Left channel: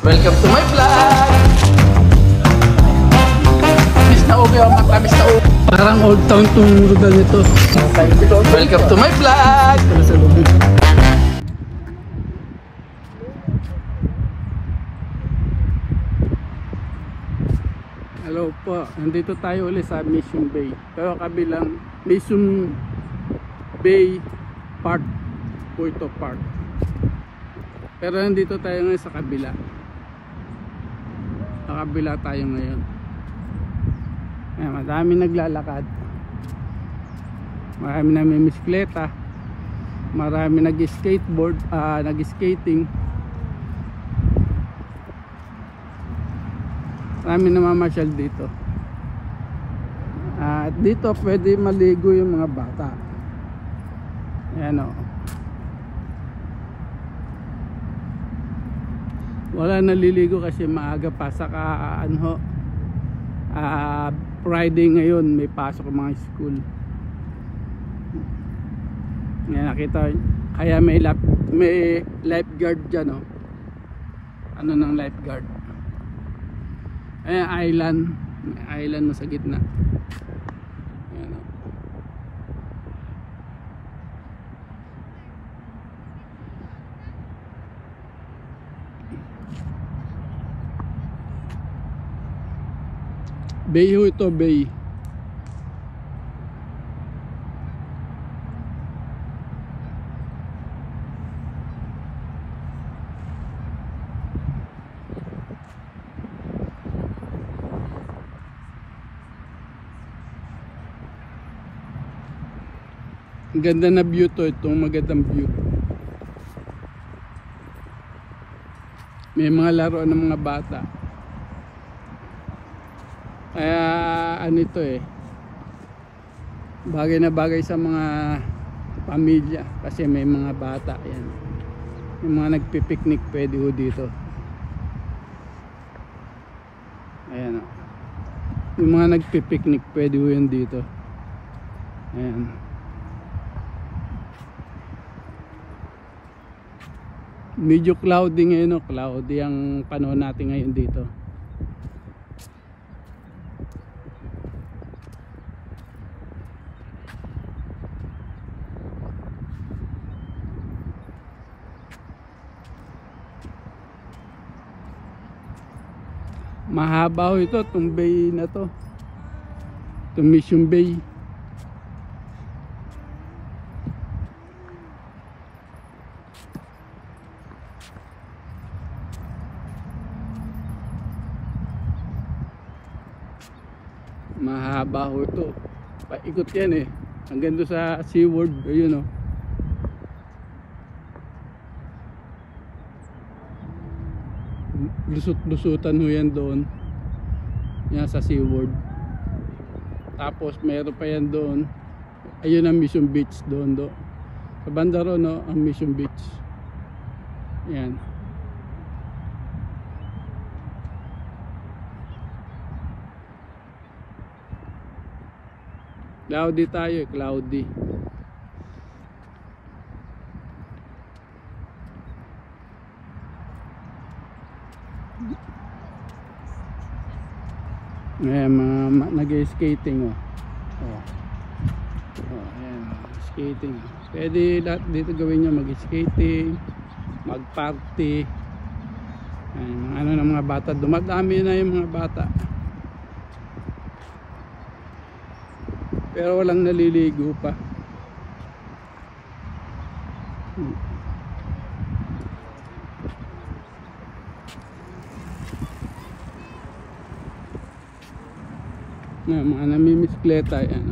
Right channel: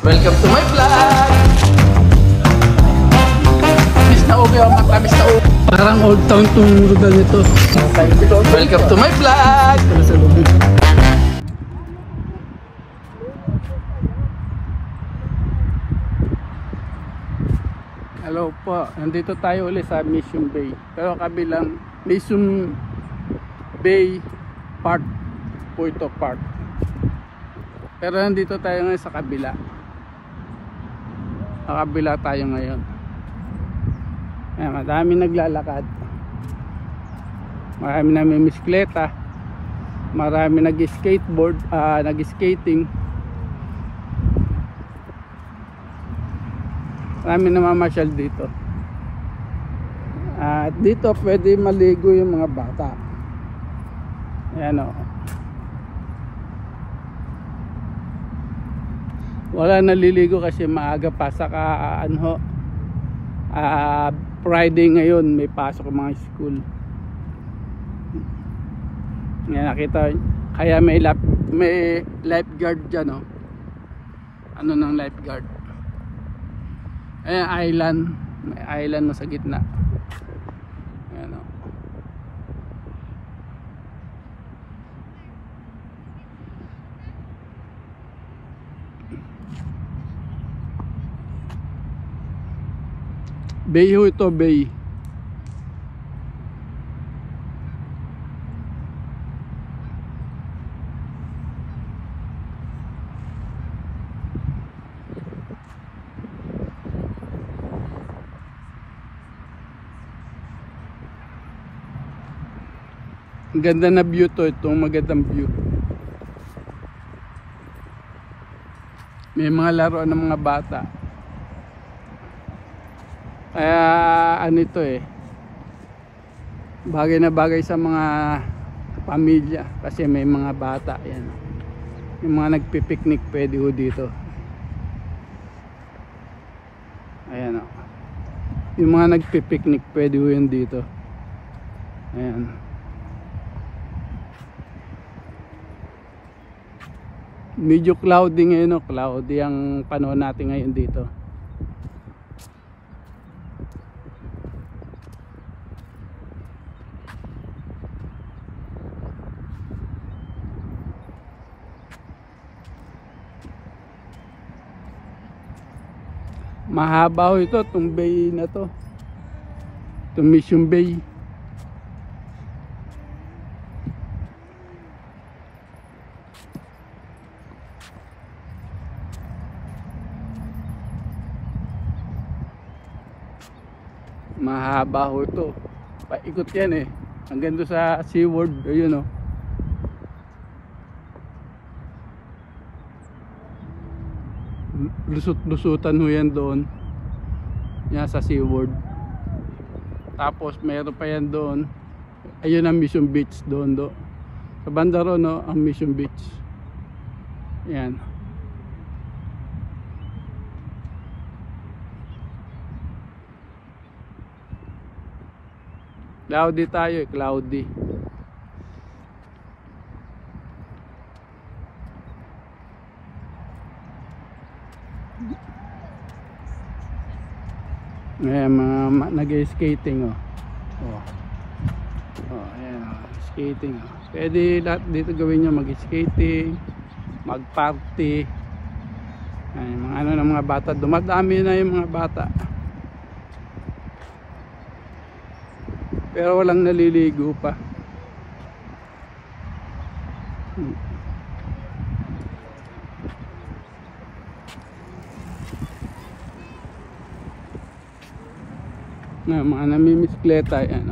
Welcome to my vlog! Miss na ubi ang mata, miss na ubi. Parang old town tong rugal nito. Welcome to my vlog! Hello po, nandito tayo ulit sa Mission Bay. Pero kabilang Mission Bay Park po ito, park. Pero nandito tayo ngayon sa kabila. Sa kabila tayo ngayon. Ayan, madami naglalakad. Marami namimiskikleta. Marami nag-skateboard, nag-skating. Marami namamasyal dito. At dito pwede maligo yung mga bata. Ayan o. Wala naliligo kasi maaga pa. Saka Friday ngayon may pasok ang mga school. Ayan, nakita. Kaya may lifeguard dyan o. Ano ng lifeguard? Ayan, island. May island na sa gitna. Ayan o. Bay ho ito, bay. Ang ganda na view to, itong magandang view. May mga laruan ng mga bata. Kaya ano ito bagay na bagay sa mga pamilya kasi may mga bata. Yan. Yung mga nagpipiknik pwede ho dito. Ayan o. Yung mga nagpipiknik pwede ho yun dito. Ayan. Medyo cloudy ngayon o. Cloudy ang panahon natin ngayon dito. Mahaba ho ito, itong bay na to. Itong Mission Bay. Mahaba ho ito. Paikot yan hanggang doon sa SeaWorld. Ayun o. Lusot-lusutan ho yan doon. Yan sa SeaWorld. Tapos meron pa yan doon. Ayun ang Mission Beach doon do. Sa banda ron ang Mission Beach. Yan. Cloudy tayo cloudy. Ayan, mga nag-skating ayan skating. Pwede lahat dito gawin nyo, mag-skating, mag-party. Ayan, mga ano ng mga bata. Dumadami na yung mga bata. Pero walang naliligo pa. Mga namimiskikleta yan.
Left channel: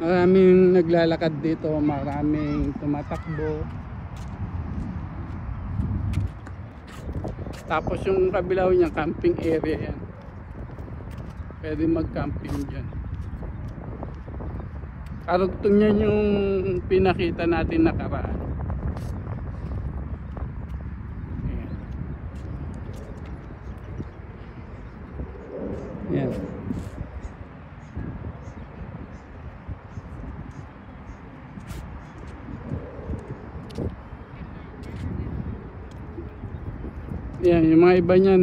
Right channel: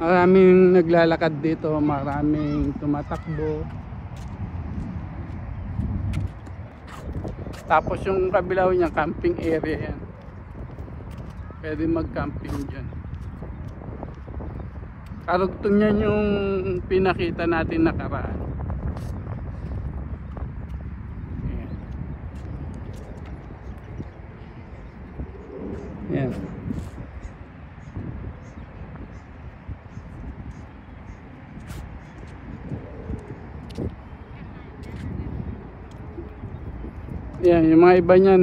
Maraming naglalakad dito, maraming tumatakbo. Tapos yung kabilaw niya camping area yan. Pwede mag-camping dyan. Karugtong yan yung pinakita natin nakaraan. Yan. Yan, yung mga iba niyan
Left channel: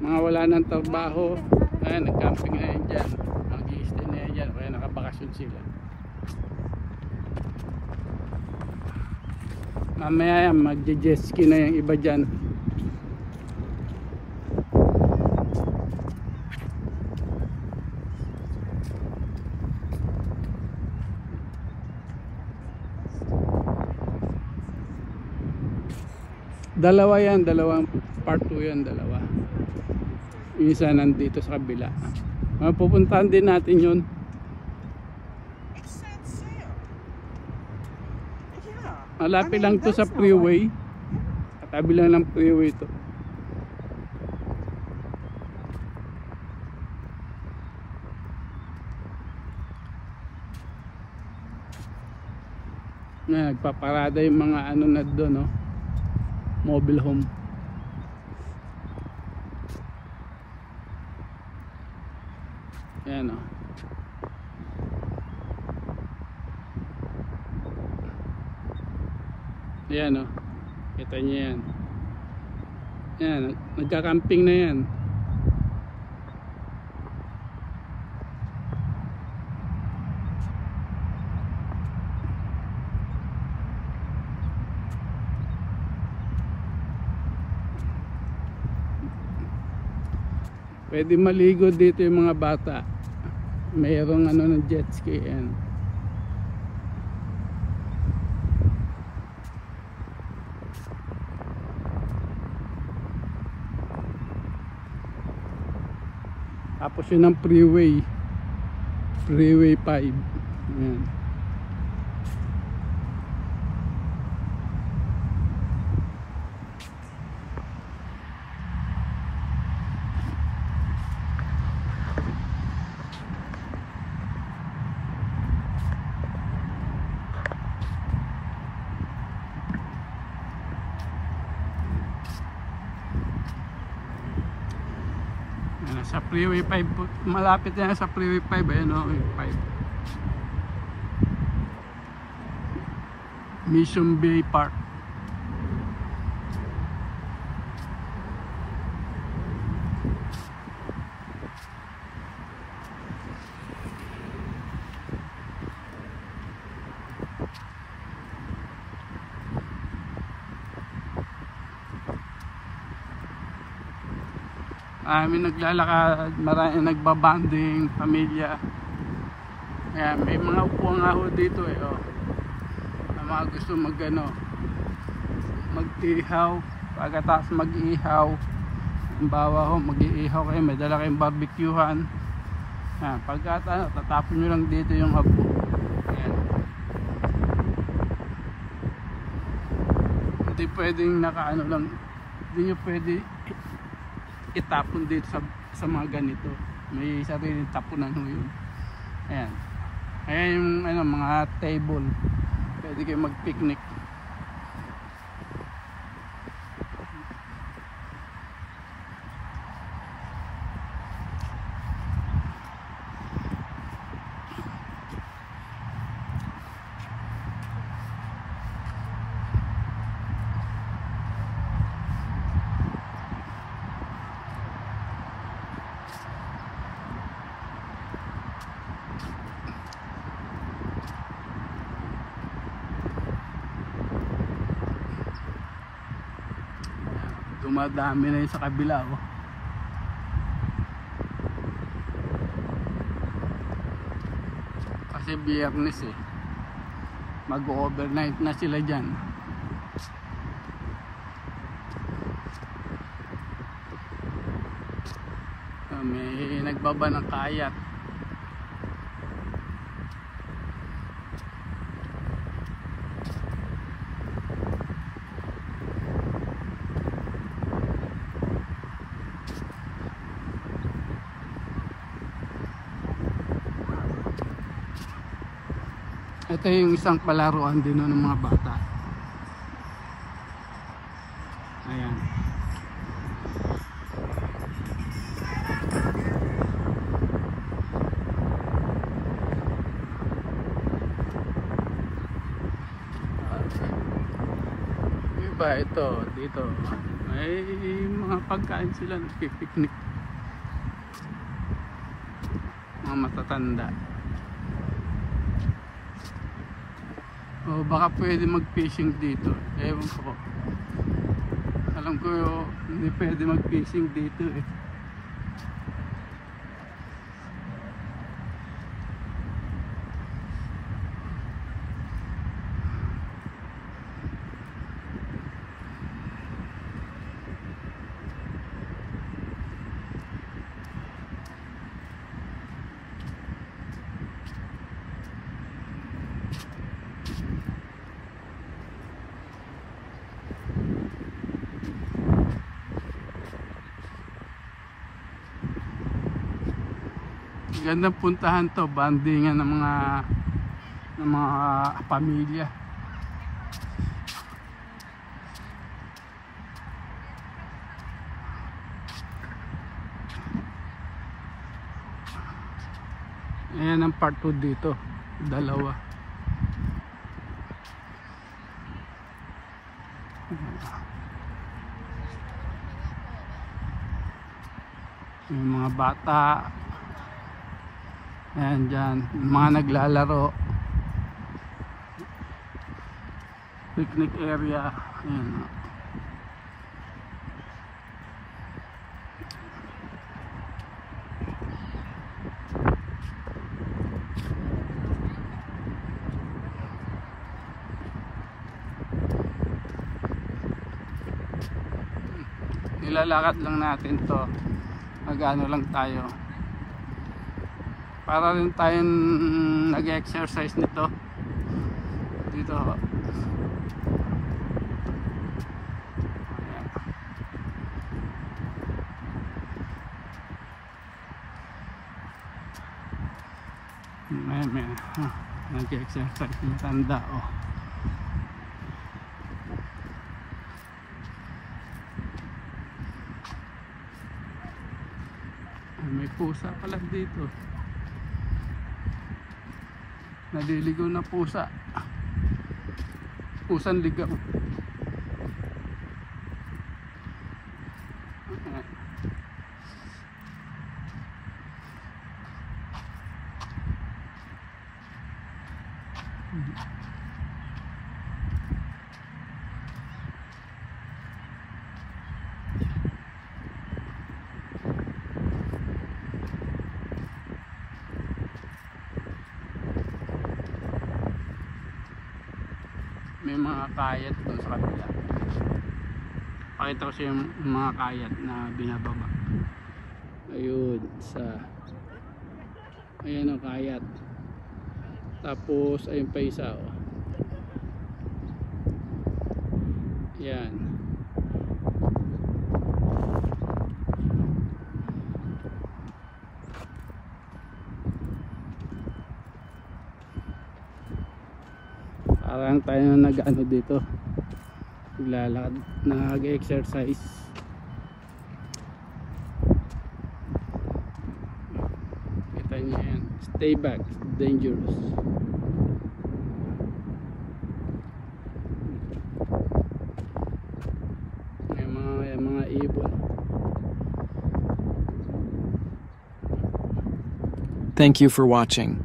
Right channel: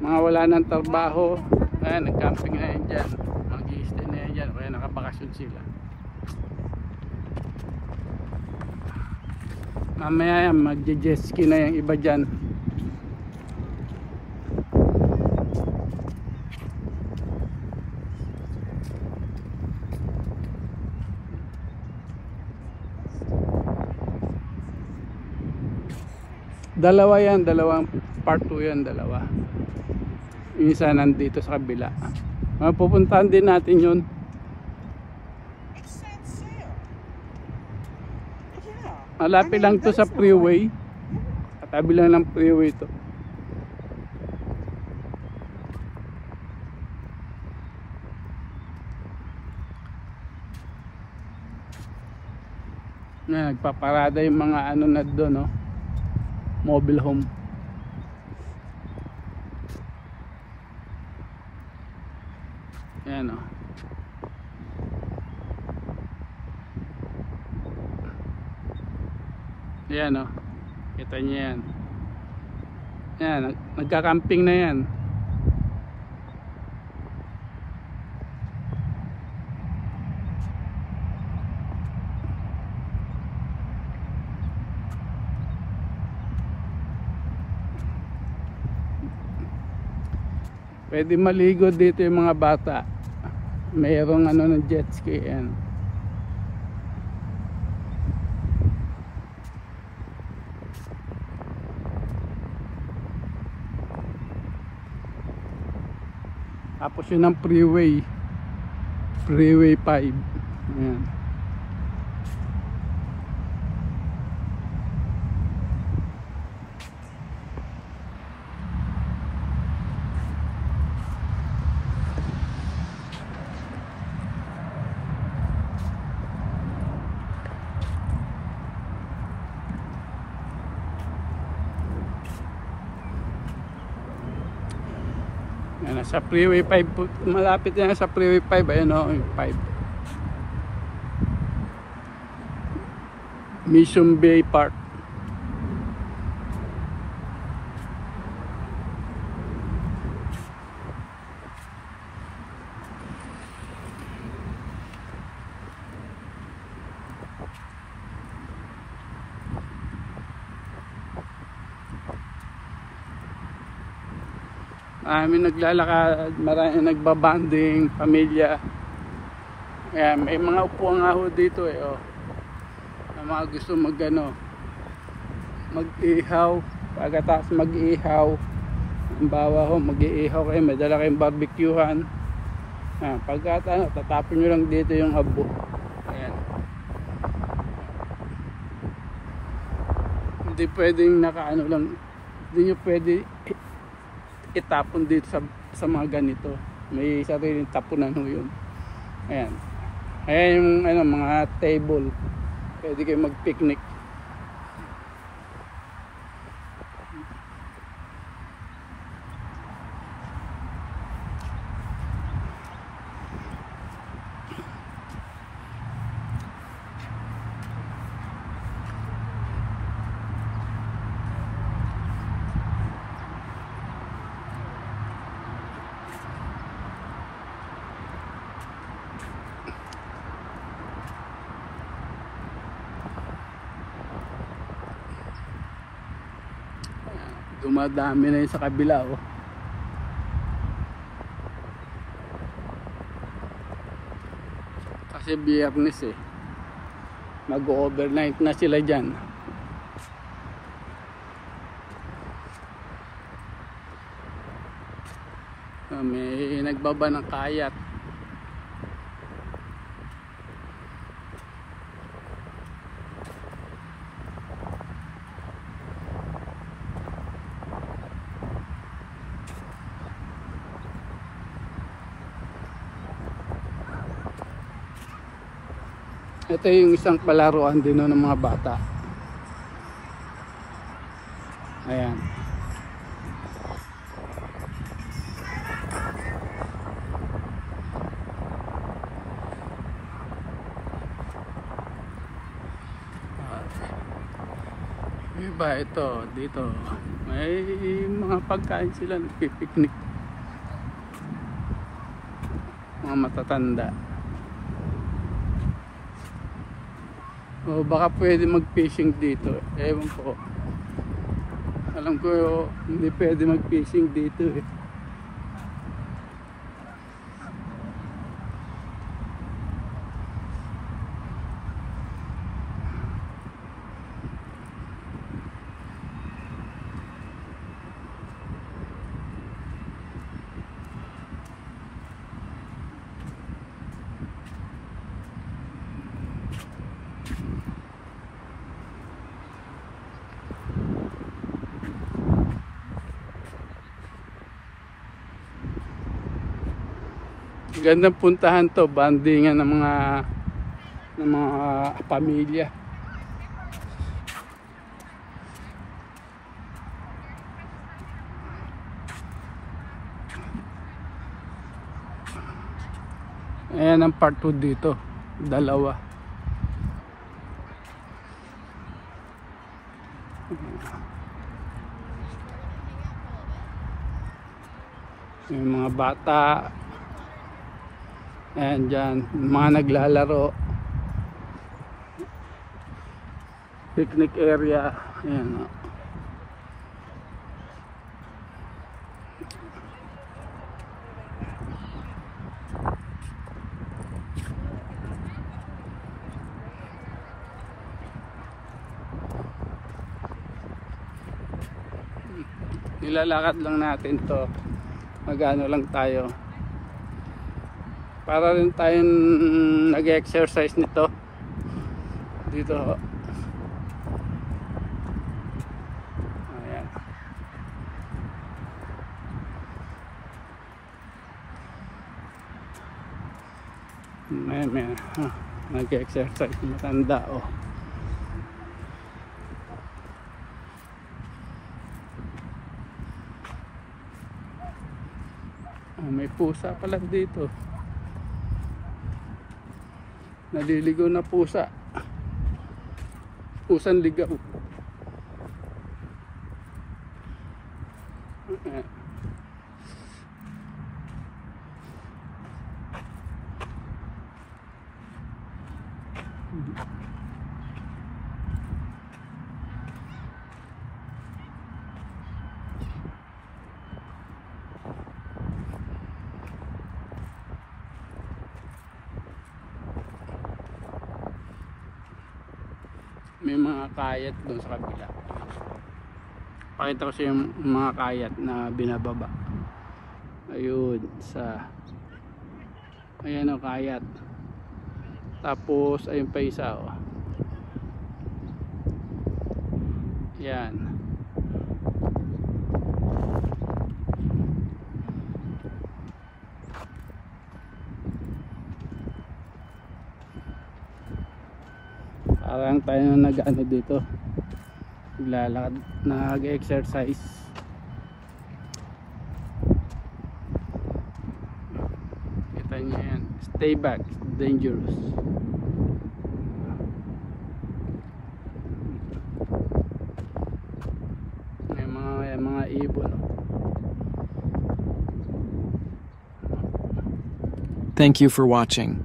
mga wala ng trabaho. Ayan, nag-camping na yan dyan. Mag-i-stay na yan dyan. Kaya nakabakasyon sila. Mamaya yan, mag-jet ski na yung iba dyan. Dalawa yan, dalawang part 2 yan, dalawa. Yung isa nandito sa kabila. Pupuntahan din natin yun. Malapit lang to sa freeway. Katabi lang ng freeway to. Nagpaparada yung mga ano na doon, no? Mobile home. Yan, o. Yan, o. Kita niyo yan. Yan, nagka-camping na yan. Pwede maligo dito yung mga bata. Mayroong ano ng jet ski yan. Tapos yun ang freeway. Freeway 5. Ayan. Sa freeway 5, malapit yan sa freeway 5. Ayan, o, 5 Mission Bay Park. Maraming naglalakad, maraming nagbabanding, pamilya. Kaya may mga upuan nga ho dito oh, na mga gusto mag-ihaw. Pagkatapos mag-ihaw, halimbawa ho, mag-iihaw kayo, may dala kayong barbecuehan. Pagkatapos tatapon nyo lang dito yung abo. Ayan. Hindi pwedeng nakaano lang, hindi nyo pwede itapon dito sa mga ganito. May sariling tapunan ho yun. Ayan. Ayan yung ano, mga table. Pwede kayo mag-picnic. Dumadami na yun sa kabila oh. Kasi Biyernes mag-overnight na sila dyan. May nagbaba ng kayat. Ito yung isang palaruan din ng mga bata. Ayan. Bike. Ito, dito. May mga pagkain sila, nagpipiknik. Mga matatanda. O baka pwede mag-fishing dito. Ewan ko. Alam ko hindi pwede mag-fishing dito eh. Gandang puntahan to, bandingan ng mga pamilya. Ayan ang part 2 dito, dalawa. Yung mga bata. Ayan dyan, mga naglalaro. Picnic area. Ayan o. Nilalakad lang natin to. Magano lang tayo. Para rin tayong nag-exercise nito dito. Ayan. May nag-exercise, matanda oh. May pusa pala dito. Naliligaw na pusa. Pusang ligaw. May mga kayat doon sa kabila. Pakita ko sa yung mga kayat na binababa. Ayun sa ayan ang kayat. Tapos ayun pa isa oh. Yan. Parang tayo na nag-ano dito, naglalakad, nag-exercise. Kita niyo yan, stay back, dangerous. May mga ibon. Thank you for watching.